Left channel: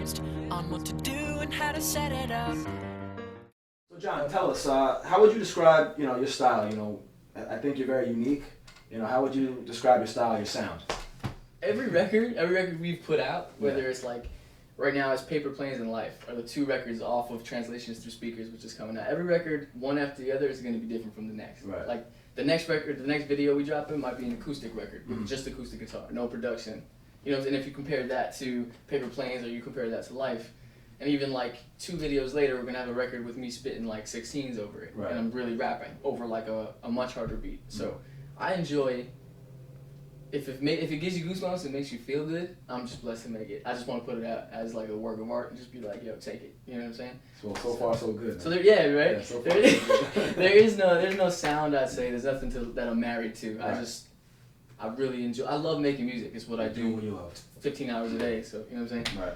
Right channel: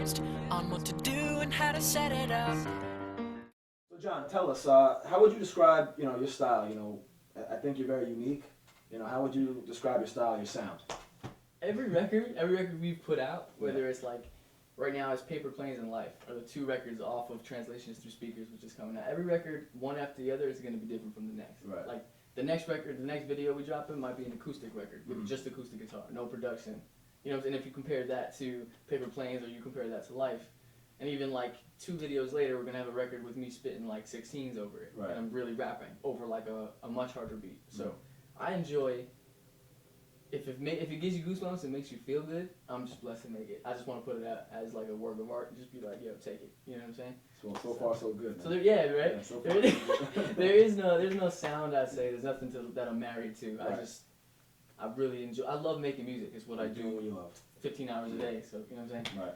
confused on what to do and how to set it up. So Jon, tell us, how would you describe, your style? I think you're very unique. How would you describe your style, your sound? Every record we've put out, whether it's like, right now it's Paper Planes and Life, are the two records off of Translations Through Speakers, which is coming out. Every record, one after the other, is going to be different from the next. Right. Like, the next record, the next video we drop in might be an acoustic record with just acoustic guitar, no production. And if you compare that to Paper Planes or you compare that to Life, and even like 2 videos later, we're going to have a record with me spitting like 16s over it. Right. And I'm really rapping over like a much harder beat. So I enjoy, if it gives you goosebumps and makes you feel good, I'm just blessed to make it. I just want to put it out as like a work of art and just be like, yo, take it. You know what I'm saying? So far so good. Man. So right? Yeah, so far, there's no sound, I'd say. There's nothing that I'm married to. Right. I really enjoy. I love making music. It's what I do. What you love. 15 hours a day. So you know what I'm saying? Right.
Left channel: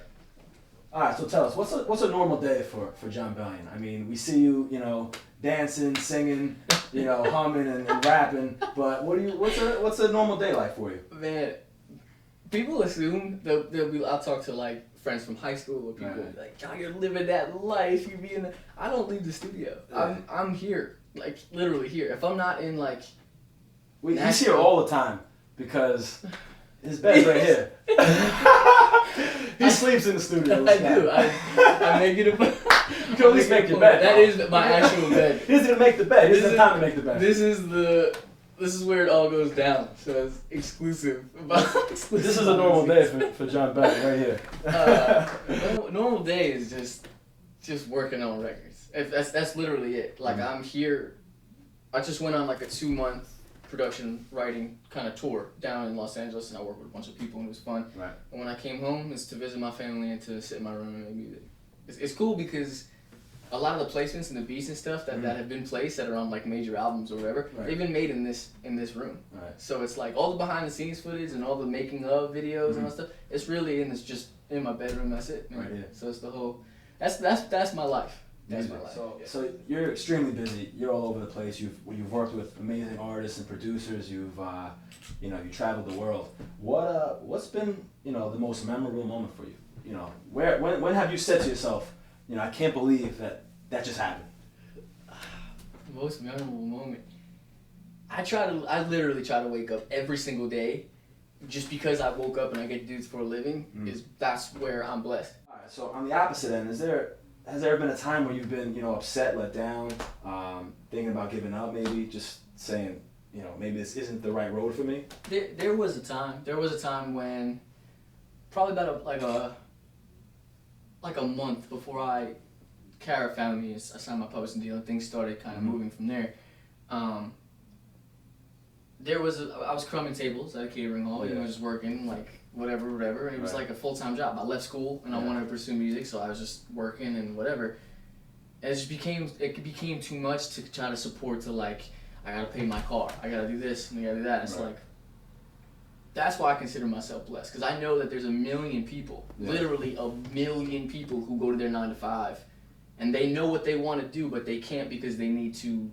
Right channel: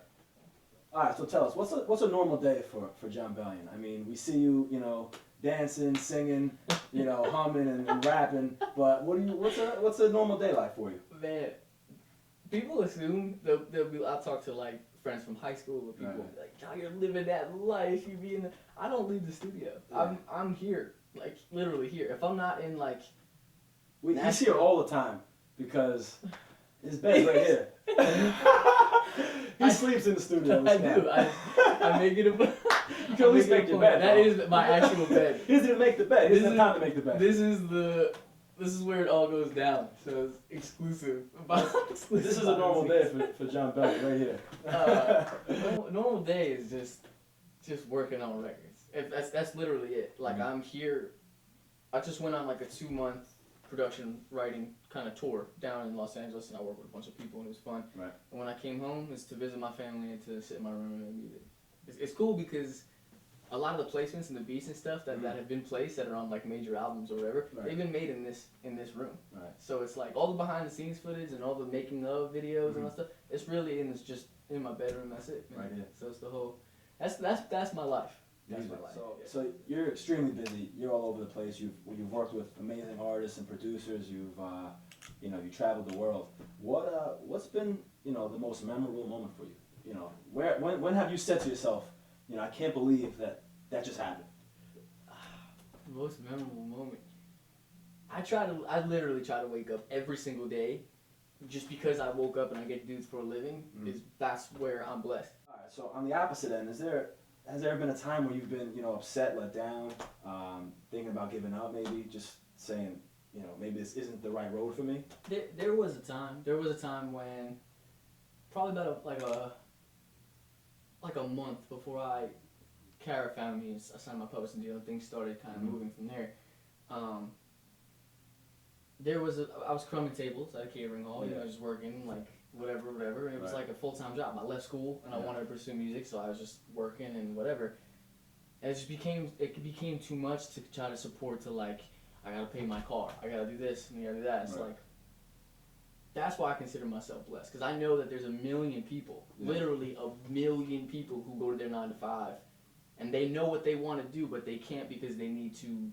All right. So tell us, what's a normal day for Jon Bellion? I mean, we see you, dancing, singing, humming and rapping. But what's a normal day like for you? Man, people assume I'll talk to like friends from high school or people like, Jon, you're living that life. You be in. I don't leave the studio. Yeah. I'm here, like literally here. If I'm not in like. He's here all the time because his bed's right here. He sleeps in the studio. I do. I make it a. You can at least make your bed. That is my actual bed. He doesn't even make the bed. He doesn't have time to make the bed. This is where it all goes down. So it's exclusive. This is a normal day for Jon Bellion right here. Normal day is just working on records. That's literally it. Like I'm here. I just went on like a 2-month production writing kind of tour down in Los Angeles, and I worked with a bunch of people and it was fun. Right. And when I came home, it's to visit my family and to sit in my room and make music. It's cool because a lot of the placements and the beats and stuff that have been placed that are on like major albums or whatever, they've been made in this room. Right. So it's like all the behind the scenes footage and all the making of videos and all that stuff. It's really just in my bedroom. That's it. Man. Right here. So it's the whole. That's my life. That's my life. So you're extremely busy. You're all over the place. You've worked with amazing artists and producers. You've you traveled the world. What's been the most memorable moment for you? When have you said to yourself, I can't believe that just happened? The most memorable moment. I literally try to wake up every single day, just because I woke up and I get to do this for a living. That's where I'm blessed. All right. So on the opposite end, has there been a time where you've been, upset, let down, thinking about giving up, maybe just saying, maybe this isn't the right road for me? There was a time. There was a time when, probably about like a month before Kara found me, I signed my publishing deal, and things started kind of moving from there. I was crumbing tables at a catering hall, just working like whatever, and it was like a full-time job. I left school and I wanted to pursue music, so I was just working and whatever. And it became too much to try to support, to like, I gotta pay my car, I gotta do this and I gotta do that. It's like, that's why I consider myself blessed, because I know that there's a million people, literally a million people who go to their 9 to 5 and they know what they want to do, but they can't because they need to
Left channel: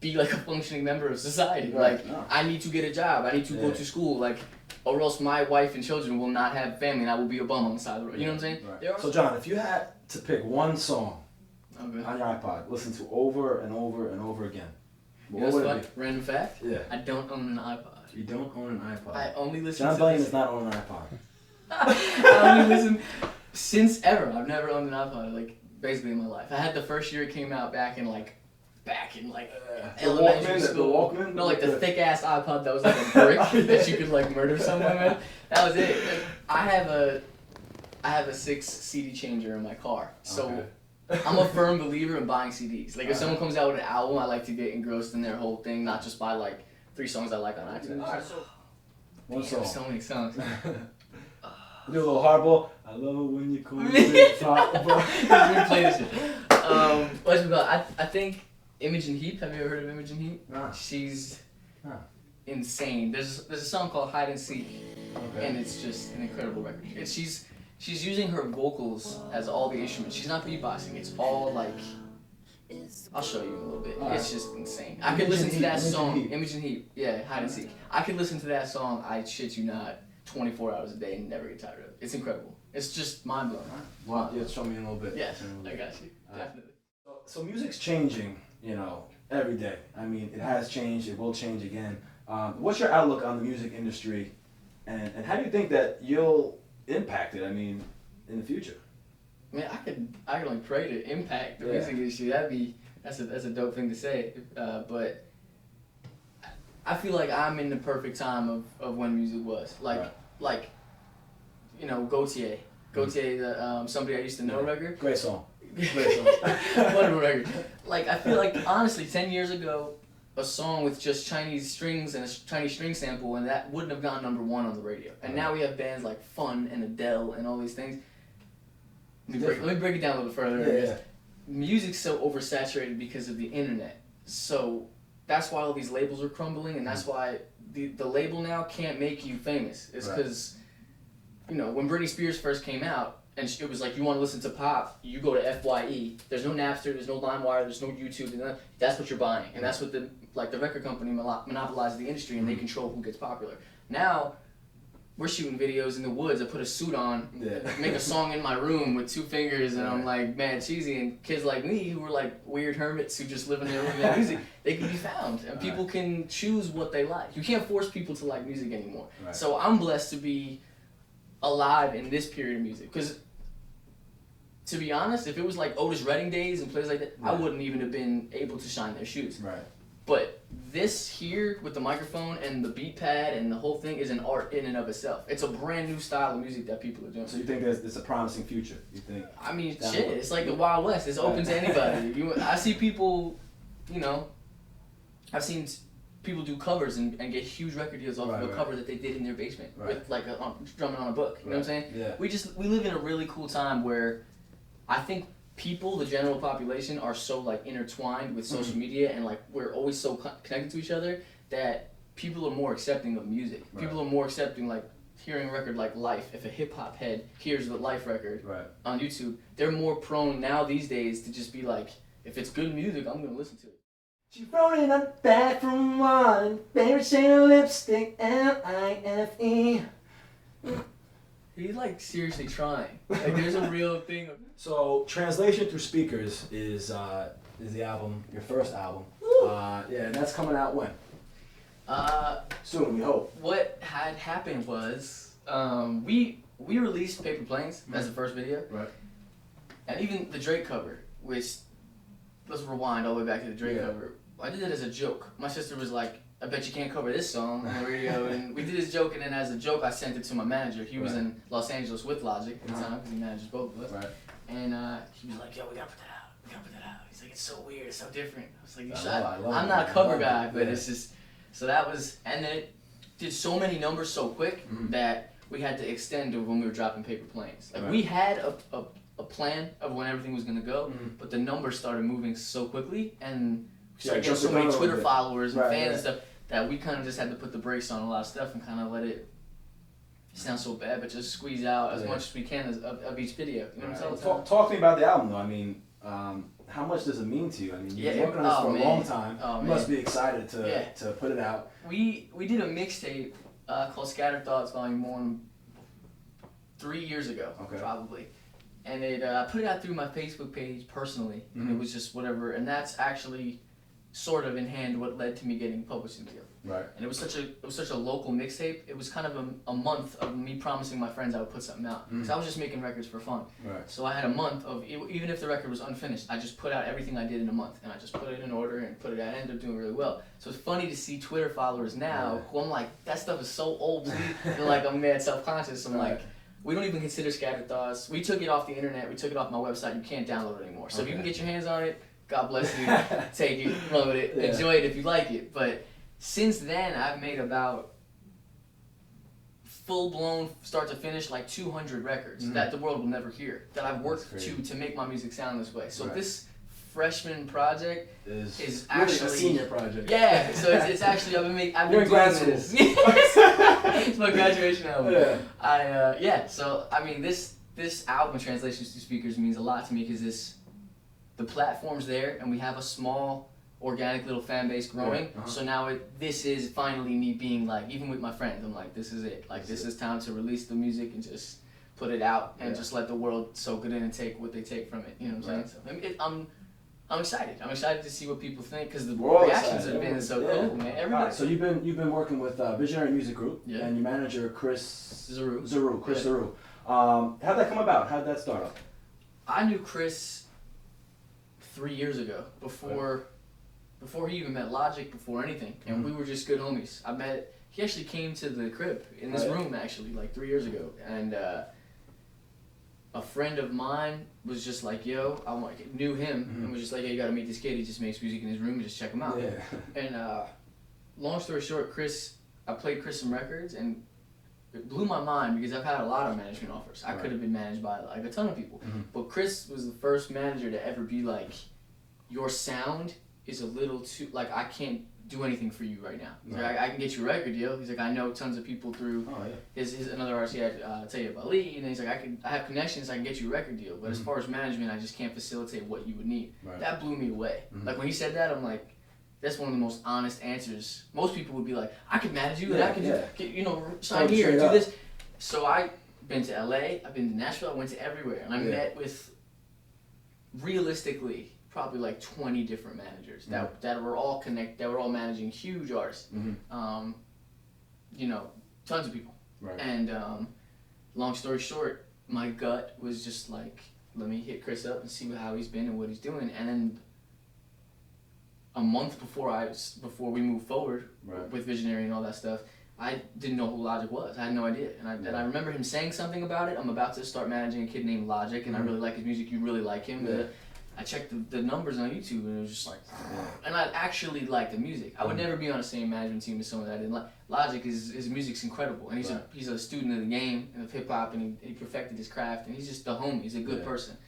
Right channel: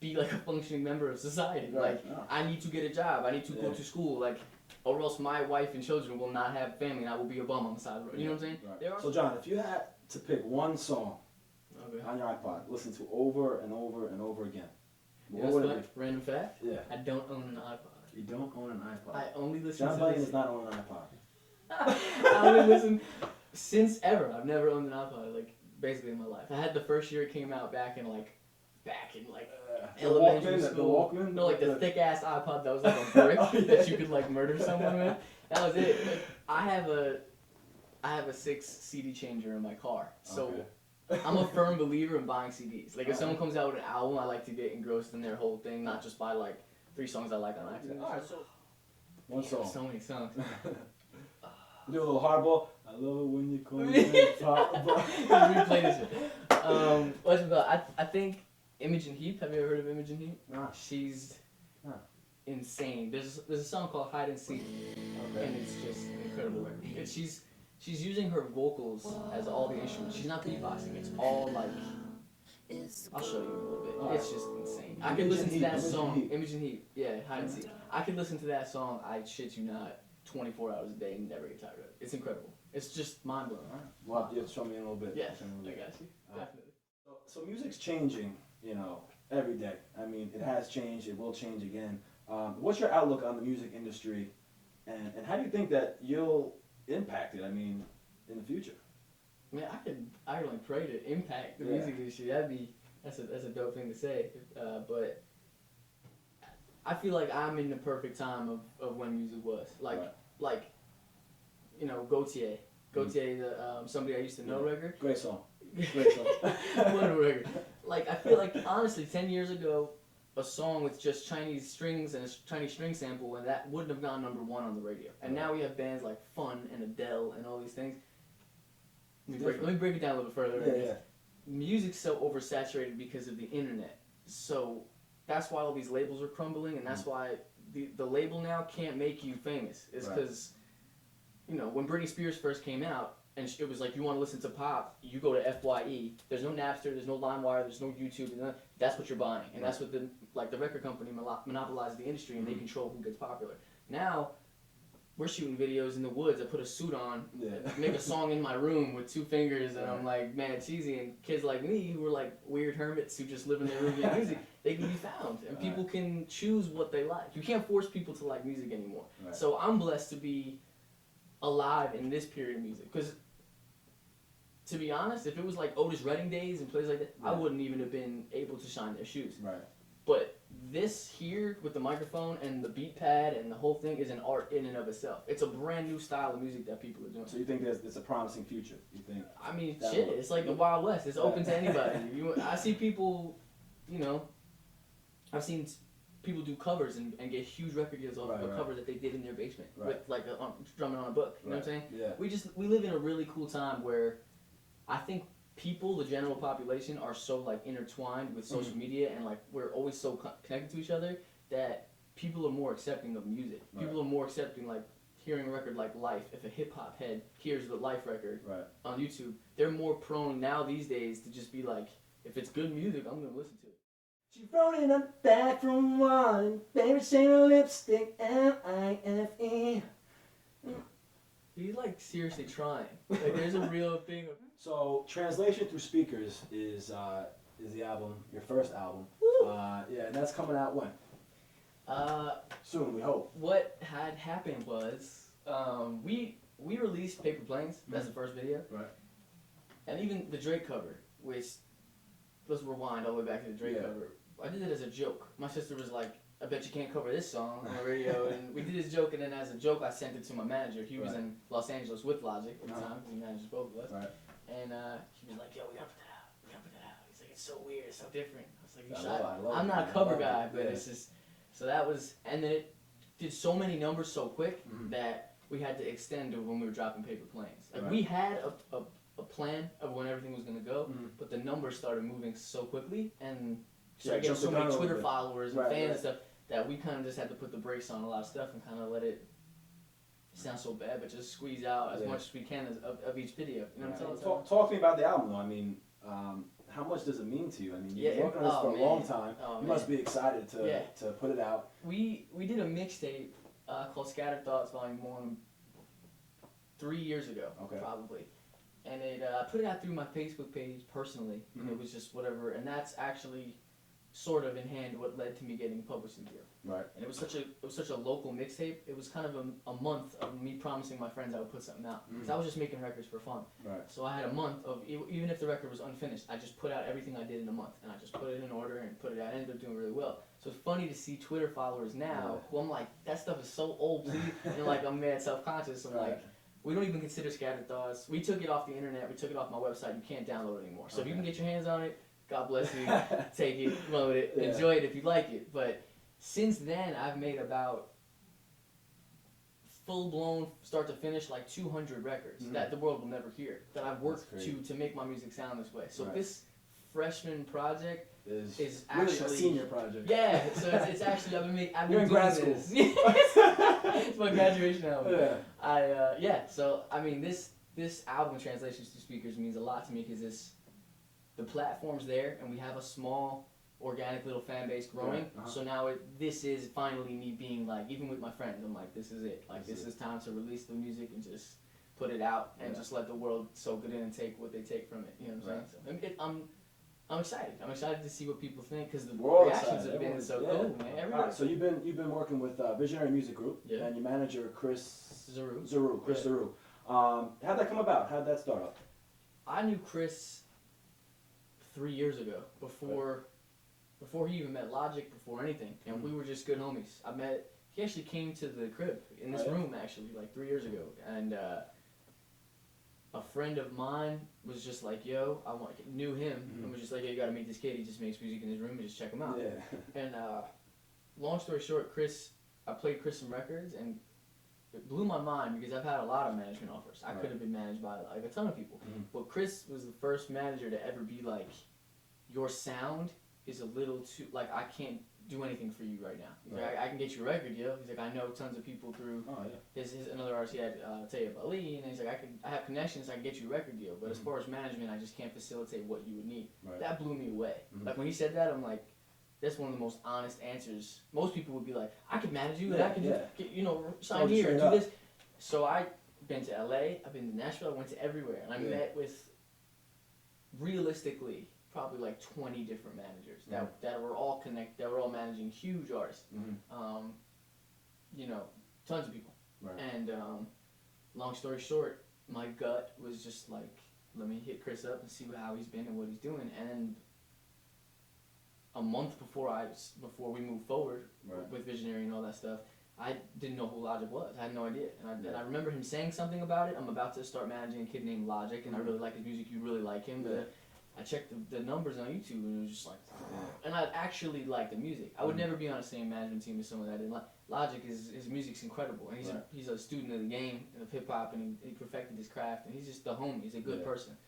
be like a functioning member of society. Like, I need to get a job, I need to go to school, like, or else my wife and children will not have family and I will be a bum on the side of the road. You know what I'm saying? Right. So Jon, if you had to pick one song on your iPod, listen to over and over and over again, what would it be? Random fact? Yeah. I don't own an iPod. You don't own an iPod? I only listen Jon to Bellion does not own an iPod. I only listen since ever. I've never owned an iPod, like, basically in my life. I had the first year it came out back in elementary school. The Walkman? No, like the thick ass iPod that was like a brick that you could like murder someone with. That was it. Like, I have a 6 CD changer in my car, so I'm a firm believer in buying CDs. Like if someone comes out with an album, I like to get engrossed in their whole thing, not just buy like 3 songs I like on iTunes. Alright, so one song. So many songs. Do a little hardball. I love it when you call me top. Replay this shit. What's it called? I think Imogen Heap. Have you ever heard of Imogen Heap? No. She's insane. There's a song called Hide and Seek, and it's just an incredible record. And she's using her vocals as all the instruments. She's not beatboxing. It's all like, I'll show you a little bit. It's just insane. I could listen to that song. Imogen Heap. Yeah, Hide and Seek. I could listen to that song, I shit you not, 24 hours a day and never get tired of it. It's incredible. It's just mind blowing, right? Wow, yeah, show me a little bit. Yes, I got you. Definitely. So music's changing, you know, every day. I mean, it has changed. It will change again. What's your outlook on the music industry, and how do you think that you'll impact it? I mean, in the future. Man, I could only pray to impact the music industry. That's a dope thing to say. But I feel like I'm in the perfect time of when music was like, you know, Gautier, the somebody I used to know record. Great song. Wonderful record. Like, I feel like honestly 10 years ago, a song with just Chinese strings and a Chinese string sample, and that wouldn't have gone #1 on the radio. And now we have bands like Fun and Adele and all these things. Let me break it down a little further. Yeah. Music's so oversaturated because of the internet. So that's why all these labels are crumbling, and that's why the label now can't make you famous. It's because, you know, when Britney Spears first came out, and it was like, you want to listen to pop, you go to FYE. There's no Napster, there's no LimeWire, there's no YouTube. That's what you're buying, and that's what the record company monopolizes the industry, and they control who gets popular. Now, we're shooting videos in the woods. I put a suit on, make a song in my room with 2 fingers, and I'm like mad cheesy. And kids like me, who were like weird hermits who just live in their room and make music, they can be found, and people can choose what they like. You can't force people to like music anymore. Right. So I'm blessed to be alive in this period of music, because to be honest, if it was like Otis Redding days and places like that, I wouldn't even have been able to shine their shoes. Right. But this here with the microphone and the beat pad and the whole thing is an art in and of itself. It's a brand new style of music that people are doing. So you think there's a promising future? You think? I mean, shit, it's like the Wild West. It's open to anybody. I see people, you know, I've seen people do covers and get huge record deals off of a cover that they did in their basement with like drumming on a book. You know what I'm saying? Yeah. We live in a really cool time where I think people, the general population, are so like intertwined with social media, and like we're always so connected to each other that people are more accepting of music. People are more accepting, like hearing a record like Life. If a hip hop head hears the Life record on YouTube, they're more prone now these days to just be like, if it's good music, I'm gonna listen to it. She rolling up back from one, favorite shade of lipstick, LIFE. He's like seriously trying. Like there's a real thing. So Translation Through Speakers is the album, your first album. Yeah, and that's coming out when? Soon, we hope. What had happened was we released Paper Planes. That's the first video. Right. And even the Drake cover, which, let's rewind all the way back to the Drake cover. I did it as a joke. My sister was like, I bet you can't cover this song on the radio. And we did this joke, and then as a joke, I sent it to my manager. He was in Los Angeles with Logic at the time, because he manages both of us. Right. And he was like, yo, we gotta put that out. We gotta put that out. He's like, it's so weird, it's so different. I was like, you should. I'm not a cover guy, but it's just, so that was, and then it did so many numbers so quick that we had to extend to when we were dropping Paper Planes. Like we had a plan of when everything was gonna go, but the numbers started moving so quickly, and getting so many Twitter followers and fans and stuff, that we kind of just had to put the brakes on a lot of stuff and kind of let it sound so bad, but just squeeze out as much as we can of each video. You know what I'm saying? Talk to me about the album, though. I mean, how much does it mean to you? I mean, you've been working on this for a long time. You must be excited to put it out. We did a mixtape called Scattered Thoughts Volume 1 3 years ago, probably. And I put it out through my Facebook page personally, and it was just whatever. And that's actually sort of in hand what led to me getting a publishing deal. Right. And it was such a local mixtape. It was kind of a month of me promising my friends I would put something out, because I was just making records for fun. Right. So I had a month of, even if the record was unfinished, I just put out everything I did in a month, and I just put it in order and put it out. I ended up doing really well. So it's funny to see Twitter followers now who I'm like, that stuff is so old, and like I'm mad self-conscious. I'm like, we don't even consider Scattered Thoughts. We took it off the internet. We took it off my website. You can't download it anymore. So if you can get your hands on it, God bless you. Take it, run with it, enjoy it if you like it. But since then, I've made about full-blown, start to finish, like 200 records that the world will never hear, that I've worked to make my music sound this way. So this freshman project is actually a senior project. Yeah, so it's actually I've been doing this. It's my graduation album. So I mean this album, Translations to Speakers, means a lot to me, because the platform's there, and we have a small organic little fan base growing. So now this is finally me being like, even with my friends, I'm like, this is it. Like this is time to release the music and just put it out and just let the world soak it in and take what they take from it. You know what I'm saying? So I'm excited. I'm excited to see what people think because the reactions have been so cool, man. Everybody. Right, so you've been working with Visionary Music Group and your manager Chris Zaru. How'd that come about? How'd that start up? I knew Chris 3 years ago before he even met Logic, before anything, and we were just good homies. He actually came to the crib in this room actually like 3 years ago, and a friend of mine was just like, yo, knew him and was just like, hey, you gotta meet this kid. He just makes music in his room and just check him out. Yeah. And long story short, I played Chris some records and it blew my mind because I've had a lot of management offers. I could have been managed by like a ton of people, but Chris was the first manager to ever be like, your sound is a little too, like, I can't do anything for you right now. Like, I can get you a record deal. He's like, I know tons of people through his another artist. He had Taya Bali, and he's like, I have connections. I can get you a record deal. But as far as management, I just can't facilitate what you would need. That blew me away. Like when he said that, I'm like, that's one of the most honest answers. Most people would be like, I could manage you, and I can sign here and do this. So I've been to LA. I've been to Nashville. I went to everywhere, and I met with realistically probably like 20 different managers that were all connected, that were all managing huge artists. Tons of people. And long story short, my gut was just like, let me hit Chris up and see how he's been and what he's doing. And then a month before we moved forward with Visionary and all that stuff, I didn't know who Logic was. I had no idea. And I remember him saying something about it. I'm about to start managing a kid named Logic, and I really like his music. You really like him. I checked the numbers on YouTube, and it was just like, and I actually liked the music. I would never be on the same management team as someone that I didn't like. Logic, his music's incredible, and he's a student of the game of hip hop, and he perfected his craft, and he's just the homie. He's a good person.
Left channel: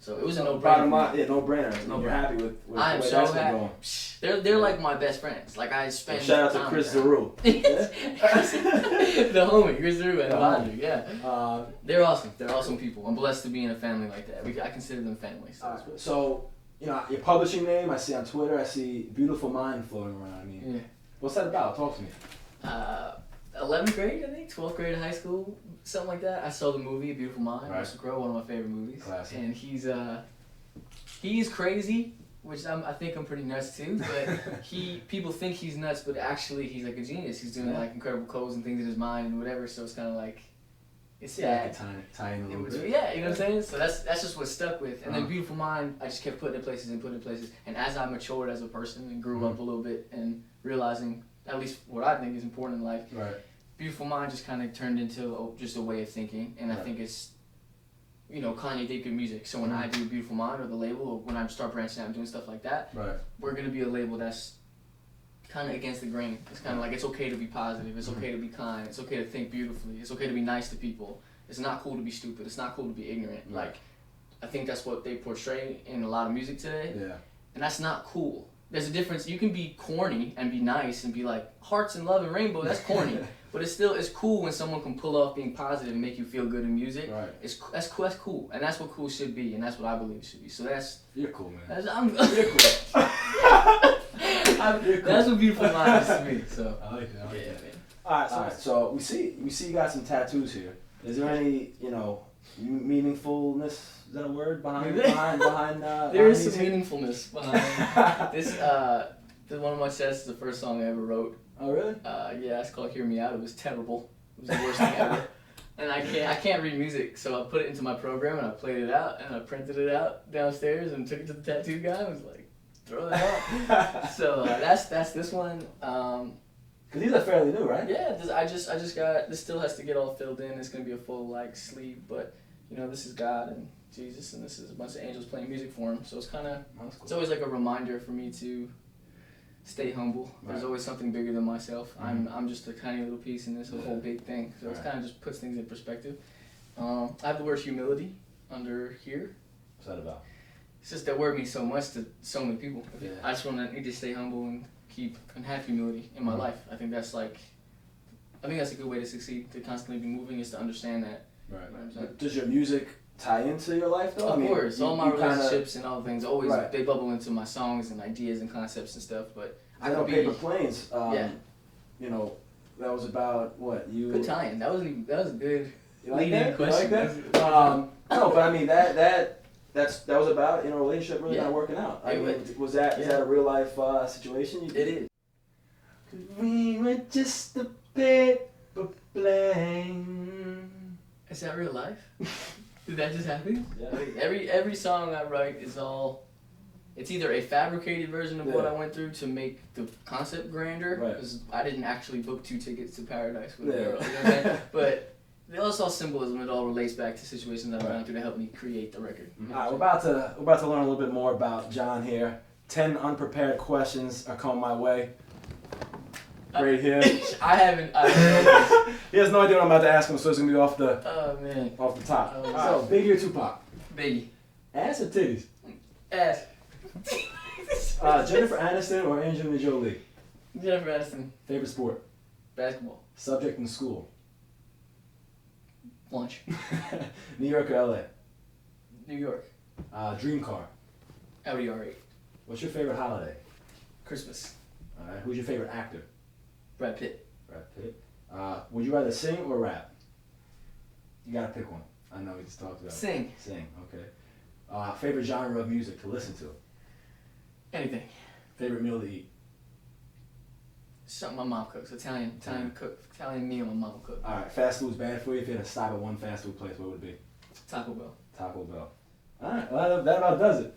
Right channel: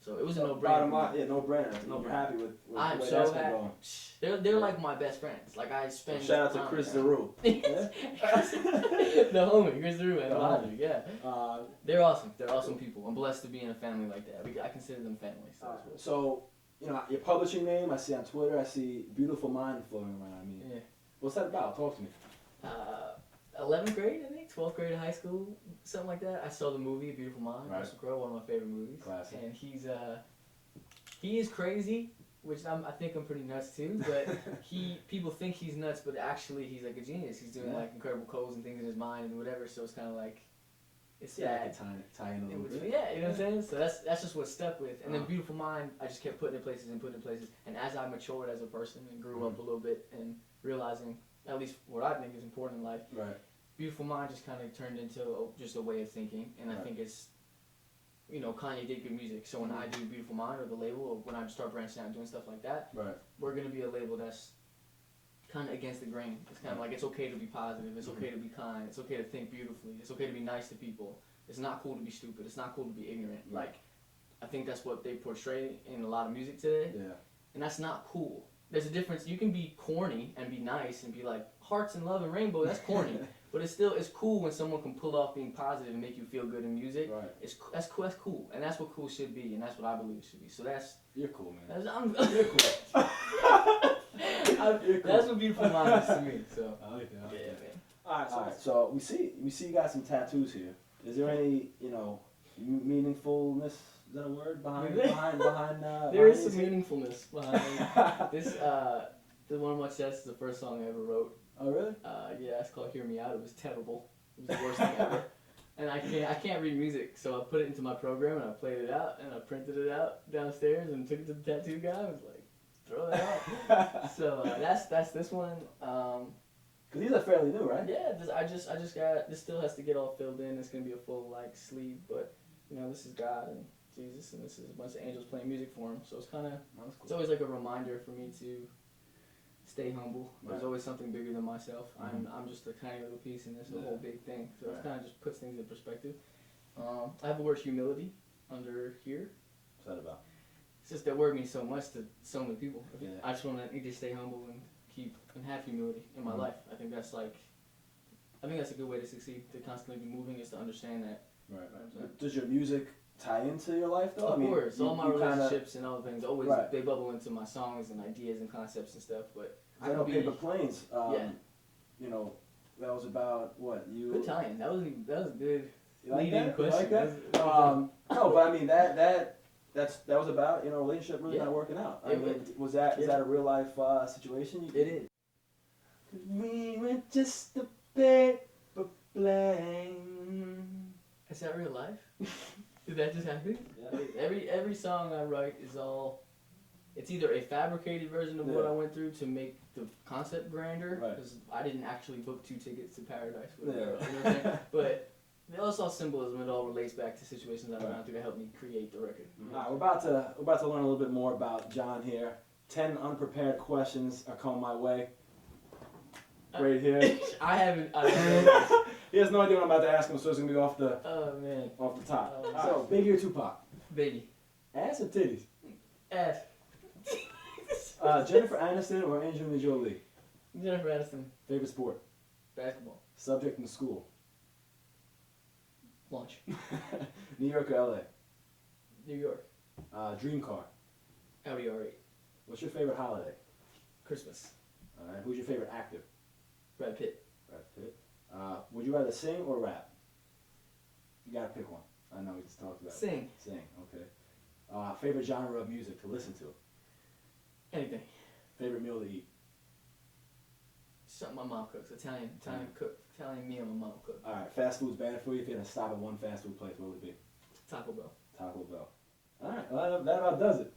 So it was a no-brainer. No-brainer. You're happy with I am so happy. They're like my best friends. Like I spend. Shout out to Chris Zaru. The homie, Chris Zaru and Logic. Yeah. They're awesome. They're awesome people. I'm blessed to be in a family like that. I consider them family. So your publishing name I see on Twitter. I see Beautiful Mind floating around. I mean, what's that about? Talk to me. 11th grade, I think, 12th grade of high school, something like that. I saw the movie Beautiful Mind, Russell Crowe, one of my favorite movies. Classic. And he's crazy, which I think I'm pretty nuts too. But people think he's nuts, but actually he's like a genius. He's doing like incredible codes and things in his mind and whatever. So it's kind of like it's sad. Tie in a little bit. Yeah, you know what I'm saying. So that's just what stuck with. And then Beautiful Mind, I just kept putting in places. And as I matured as a person and grew up a little bit and realizing at least what I think is important in life. Beautiful Mind just kind of turned into just a way of thinking, and I think it's, Kanye did good music. So when I do Beautiful Mind or the label, or when I start branching out and doing stuff like that, we're gonna be a label that's kind of against the grain. It's kind of like it's okay to be positive. It's okay to be kind. It's okay to think beautifully. It's okay to be nice to people. It's not cool to be stupid. It's not cool to be ignorant. Like, I think that's what they portray in a lot of music today. And that's not cool. There's a difference. You can be corny and be nice and be like hearts and love and rainbow. That's corny, but it's cool when someone can pull off being positive and make you feel good in music. That's cool, and that's what cool should be, and that's what I believe it should be. So you're cool, man. You're cool. That's what Beautiful Mind is to me. So I like it. Man. All right. So we see you got some tattoos here. Is there any meaningfulness? Is that a word behind? There is some meaningfulness behind this. One of my sets is the first song I ever wrote. Oh really? Yeah, it's called "Hear Me Out." It was terrible. It was the worst thing ever. And I can't read music, so I put it into my program and I played it out and I printed it out downstairs and took it to the tattoo guy and was like, throw that out. So that's this one. Cause these are fairly new, right? Yeah, I just got this. Still has to get all filled in. It's gonna be a full sleeve, but this is God and Jesus, and this is a bunch of angels playing music for him. So it's kind of it's always like a reminder for me to stay humble. There's always something bigger than myself. I'm just a tiny little piece in this whole big thing. So it kind of just puts things in perspective. I have the word humility under here. What's that about? It's just that word means so much to so many people. I just need to stay humble and have humility in my life. I think that's a good way to succeed. To constantly be moving is to understand that. Does your music tie into your life though? Of course, all my relationships and all the things always they bubble into my songs and ideas and concepts and stuff. But I could be Paper Planes. That was about what you. Good tie-in. That was good. You like Leading that? question. You like that? No, but I mean that was about, you know, a relationship really not working out. I mean, was that is that a real life situation? It is. We were just a bit blame. Is that real life? Did that just happen? Yeah. Like, every song I write is all. It's either a fabricated version of what I went through to make the concept grander, because I didn't actually book 2 tickets to paradise with a girl. You know what I'm saying? But it's all symbolism. It all relates back to situations I've gone through to help me create the record. All right, we're about to learn a little bit more about Jon here. 10 unprepared questions are coming my way. Right here. I haven't. He has no idea what I'm about to ask him, so it's gonna be off the top. Oh, So, Biggie or Tupac? Biggie. Ass or titties? Ass. Jennifer Aniston or Angelina Jolie? Jennifer Aniston. Favorite sport? Basketball. Subject in school? Lunch. New York or LA? New York. Dream car? Audi R8. What's your favorite holiday? Christmas. Who's your favorite actor? Brad Pitt. Brad Pitt. Would you rather sing or rap? You gotta pick one. I know we just talked about it. Sing. Sing, okay. Favorite genre of music to listen to? Anything. Favorite meal to eat? Something my mom cooks. Italian meal my mom cooks. Alright, fast food's bad for you. If you had to stop at one fast food place, what would it be? Taco Bell. Taco Bell. Alright, well, that about does it.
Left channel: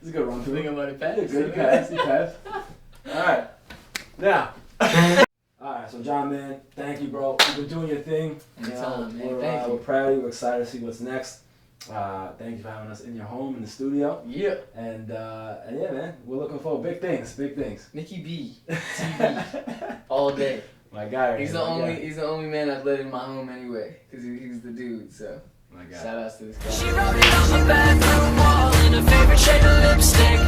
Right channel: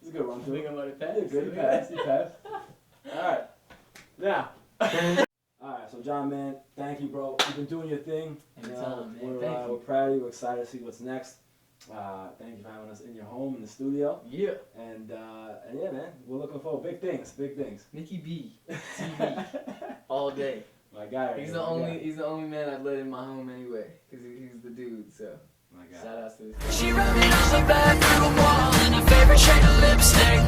It's a good run through. Think about it, Pat. Good pass. Alright. Now. Alright, so Jon, man, thank you, bro. You've been doing your thing. Anytime, man. We're proud of you. We're excited to see what's next. Thank you for having us in your home in the studio. Yeah. And yeah, man, we're looking for big things. NickyBtv. All day. My guy. He's the only man I've let in my home anyway, because he's the dude. So. My guy. Shout outs to this guy. She wrote it on the bathroom wall in her favorite shade of lipstick.